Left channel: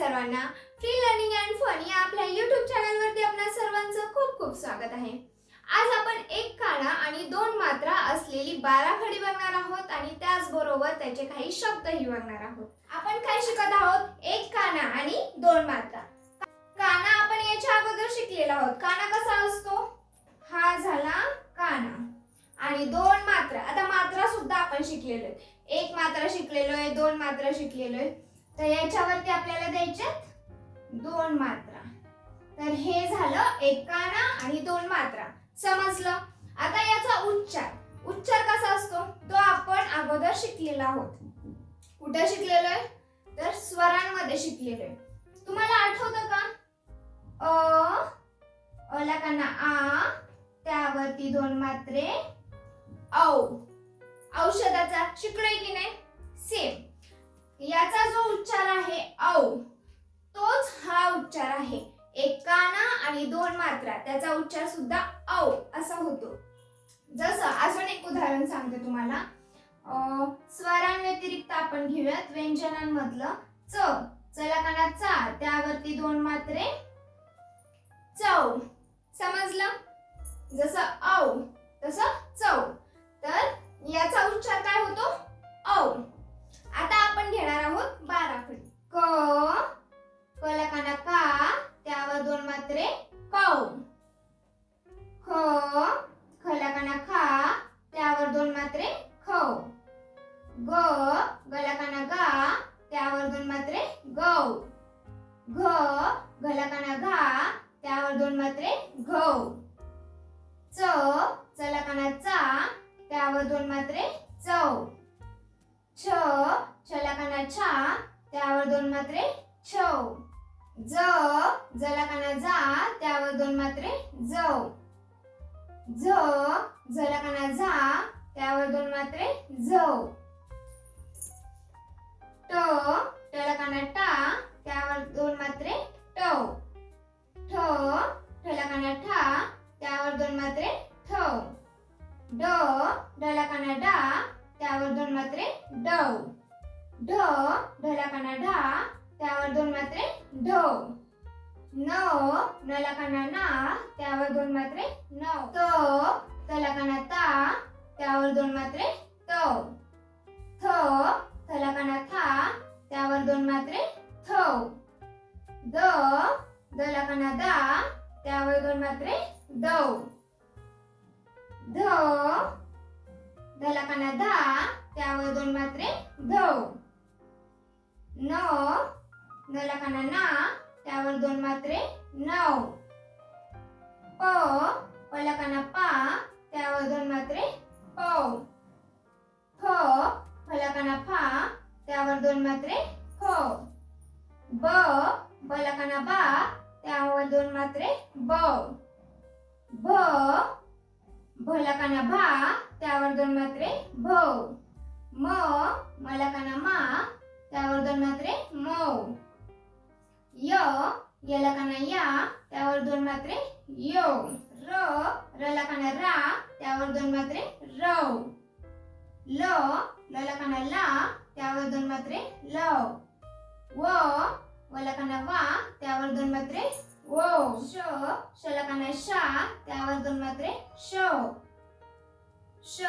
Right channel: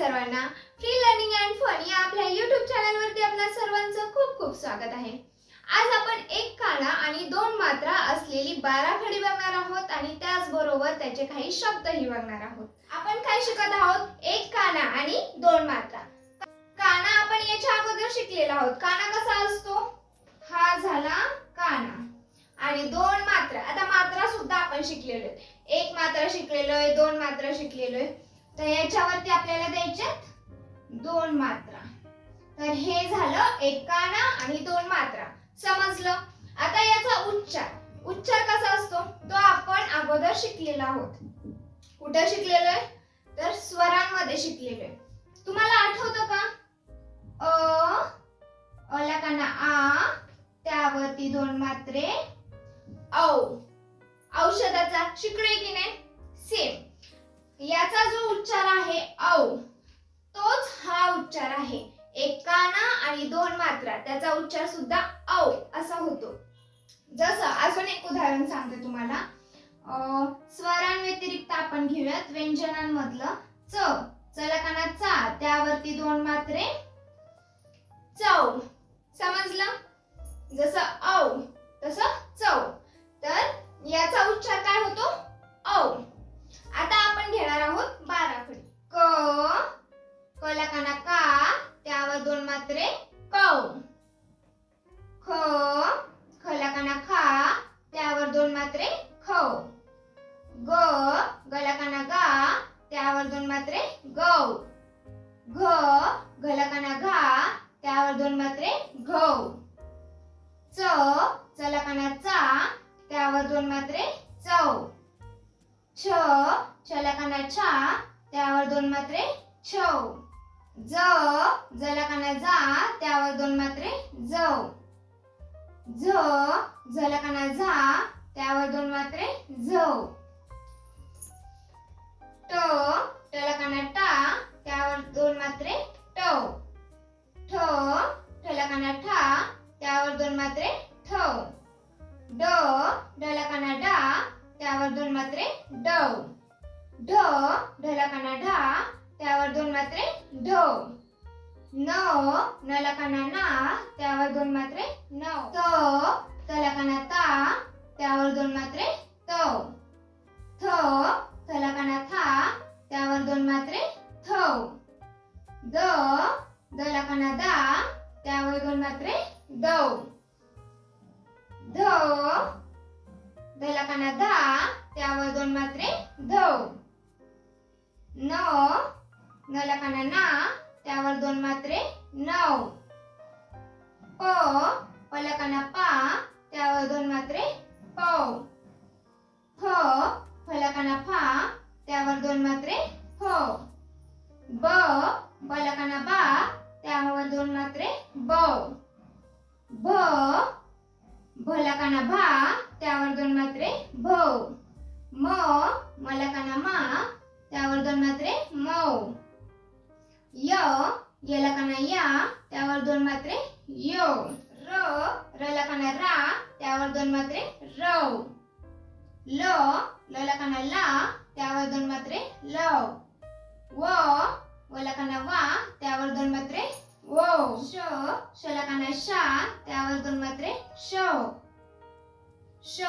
सर्वांना free learning and fun या आपल्या यूट्यूब चॅनलवरती आपल्या सर्वांचं खूप खूप स्वागत आहे. आज आपण एक काना आणि दोन मात्रा असलेली बाराखडी बघणार आहोत आणि त्याचबरोबर त्याचे काही शब्दही बघणार आहोत. आपण काय शिकत आहोत? एक काना आणि दोन मात्रा. काना आपण याच्या अगोदर शिकलेला आहोत. काना कसा असतो? हा झाला काना. आणि दोन मात्रा. आता मात्रा सुद्धा आपण शिकलेलो आहे एक मात्रा शिकलेलो आहे दोन मात्रा शिकलेलो आहे. तर याच्यावरती आपल्याला द्यायचे दोन मात्रा. तर हे झालं एकाना आणि दोन मात्रा. समजलं? आता याचा उच्चार. उच्चार कसा असतो? तो आपण अगोदर शिकलेला आहोत. कुठं शिकलेलो आहे? तर स्वरांमध्ये शिकलेलो आहे. तुम्हाला आठवतं का? अ अला काना आ त्यावरती दोन मात्रे औ. औषधाचा शिकलोय की नाही? सेम व्यतिरिक्त आपण घेऊयात व्यंजनांमधलं च चला चा त्यावरती दोन मात्रे. चव. समजलं? जसं औ तसं चव. तर याचा उच्चार काय होतो? छा त्यावर दोन मात्रे छव ज जला जा त्यावर दोन मात्रे जव झ झला काना झा त्यावर दोन मात्रे झव ट टलकाना टा त्यावर दोन मात्रे टव ठ ठला ठा त्यावर दोन मात्रे ठव ड डला काना डा त्यावर दोन मात्रे डव ढ ढलाकाना ढा त्यावर दोन मात्रे ढव. न नलाकाना ना त्यावर दोन मात्रे नव. त तला ता त्यावर दोन मात्रे त थ थला था त्यावर दोन मात्रे थ द दला दा त्यावर दोन मात्रे दव. ध ढलाकाना धा त्यावर दोन मात्रे धव. न न लखाना ना त्यावर दोन मात्रे नव प पला पा त्यावर दोन मात्रे पव फ फला फा त्यावर दोन मात्रे फव ब बला बा त्यावर दोन मात्रे ब. भ भलकाना भा त्यावर दोन मात्रे भव म मलकाना मा त्यावर दोन मात्रे मऊ. य याला काना या त्यावर दोन मात्रे यो. र रला काना रा त्यावर दोन मात्रे रव ल लला काना ला त्यावर दोन मात्रे लव व वला काना वा त्यावर दोन मात्रे वो श शला काना शा त्यावर दोन मात्रे शो श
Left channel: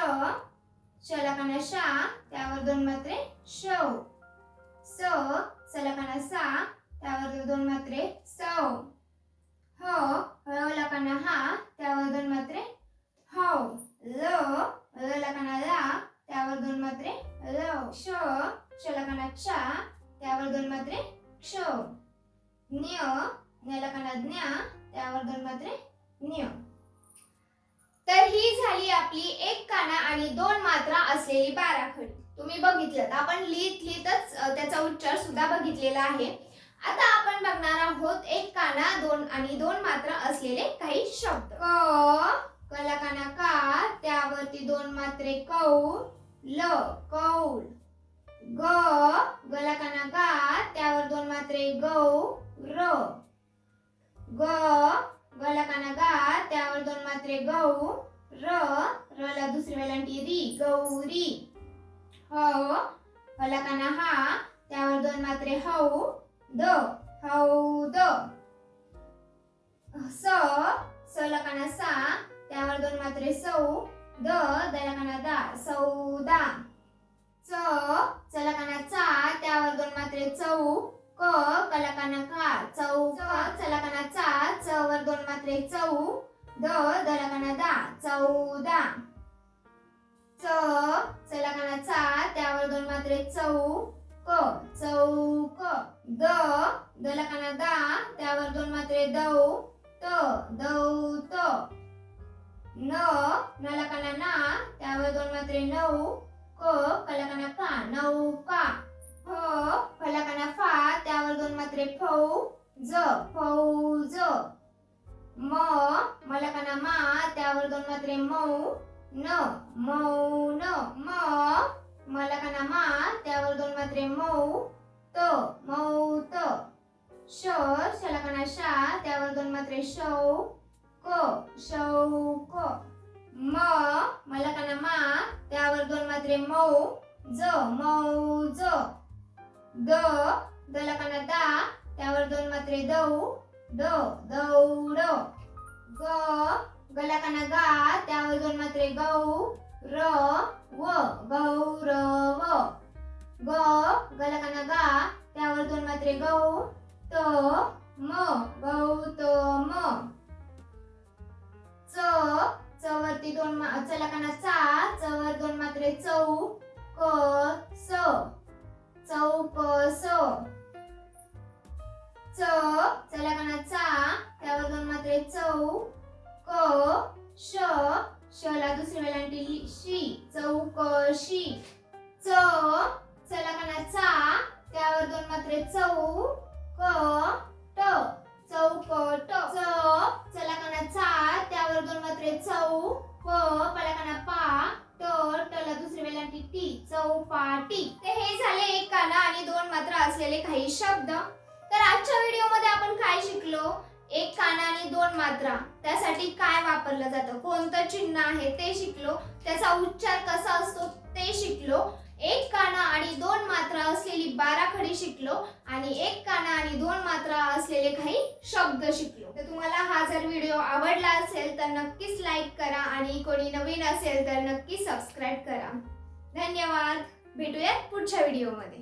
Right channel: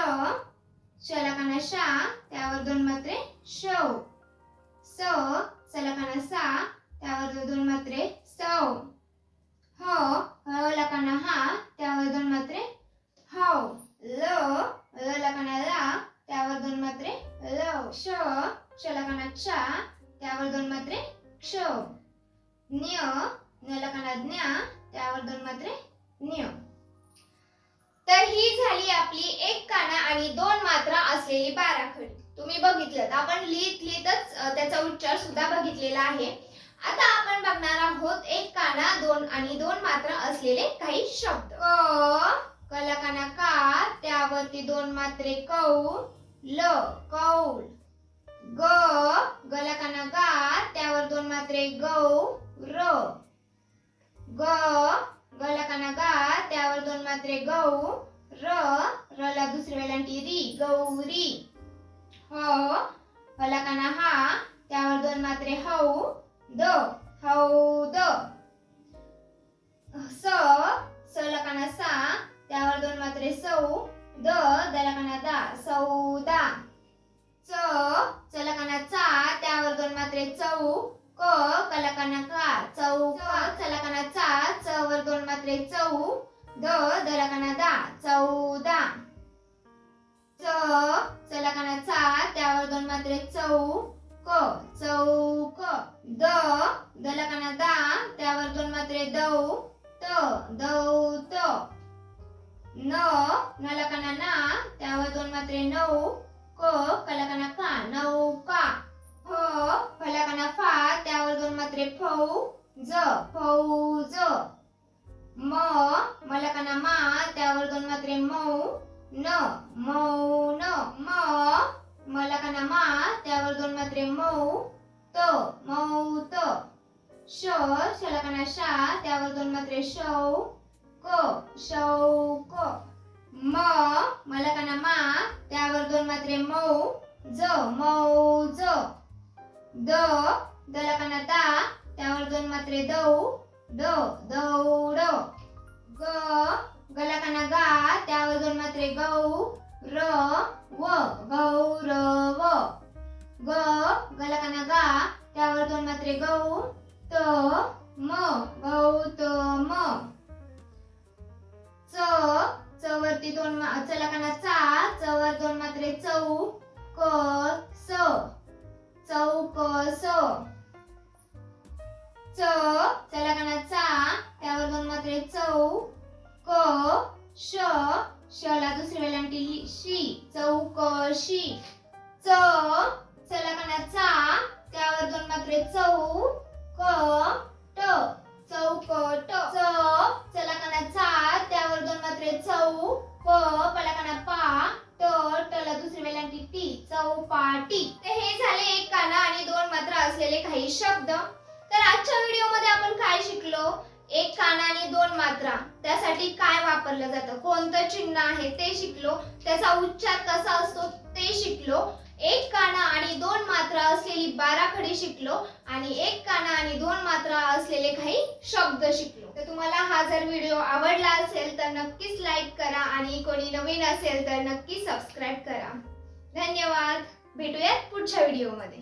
शला काना शा त्यावर दोन मात्रे शव स सलकाना सा त्यावर दोन मात्रे स. ह लकाना हा त्यावर दोन मात्रे हव ल लला ला त्यावर दोन मात्रे लव श शला चा त्यावर दोन मात्रे क्ष. न्य न लकाना ज्ञा त्यावर दोन मात्रे न्य तर ही झाली आपली एक काना आणि दोन मात्रा असलेली बाराखडी. तुम्ही बघितलं आपण लिहित लिहितच त्याचा उच्चार सुद्धा बघितलेला आहे. आता आपण बघणार आहोत एक काना दोन आणि दोन मात्रा असलेले काही शब्द. क कला काना का? त्यावरती दोन मात्रे कौ ल कौल ग गला काना गा? त्यावर दोन मात्रे गौ र ग गला काना गा? त्यावर दोन मात्रे गौ र रला दुसऱ्या वेलांटी री गौरी. हो. ह. हलाकाना हा त्यावर दोन मात्रे हौ द हौद स स लकाना सा त्यावर दोन मात्रे सौ द द लकाना दा सौदा च च लकाना चा त्यावर दोन मात्रे चौ क कलकाना का चौका चलकाना चा च वर दोन मात्रे चौ द दलकाना दा चौदा च चलकाना चा त्यावर दोन मात्रे चौ क चौक द दलकाना दा त्यावर दोन मात्रे दौ त दौत न नलकाना ना त्यावर दोन मात्रे नऊ क कलकाना का. नौका फ फलकाना फा त्यावर दोन मात्रे फौ ज फौज म मलकाना मा त्यावर दोन मात्रे मऊ न मौन म मलकाना मा त्यावर दोन मात्रे मौ त मौत श शलकाना शा त्यावर दोन मात्रे शौ क शौक म मलकाना मा त्यावर दोन मात्रे मऊ ज मौज द दलकाना दा त्यावर दोन मात्रे दौ ड दौड ग गलकाना गा त्यावर दोन मात्रे गौ र व गौरव. ग गलकाना गा त्यावर दोन मात्रे गौ त म गौतम. च चवरती दोन मा चलकाना चा चवर दोन मात्रे चौ क स चौकस. च चलकाना चा त्यावर दोन मात्रे चौ क श शला दुसरी वेलांटी शी चौकशी. च चलकाना चा त्यावर दोन मात्रे चौ क ट चौकट. च चलकाना चा त्यावर दोन मात्रे चौ प पलकाना पा ट टला दुसरी वेलांटी टी चौपाटी. तर हे झाले एक काना आणि दोन मात्रा असलेले काही शब्द. तर आजच्या व्हिडिओमध्ये आपण काय शिकलो? एक काना आणि दोन मात्रा. त्यासाठी काय वापरलं जातं? कोणतं चिन्ह आहे ते शिकलो. त्याचा उच्चार कसा असतो ते शिकलो. एक काना आणि दोन मात्रा असलेली बारा खडी शिकलो आणि एक काना आणि दोन मात्रा असलेले काही शब्द शिकलो. तर तुम्हाला हा जर व्हिडिओ आवडला असेल तर नक्कीच लाईक करा आणि कोणी नवीन असेल तर नक्की सबस्क्राईब करा. धन्यवाद. भेटूयात पुढच्या व्हिडिओमध्ये.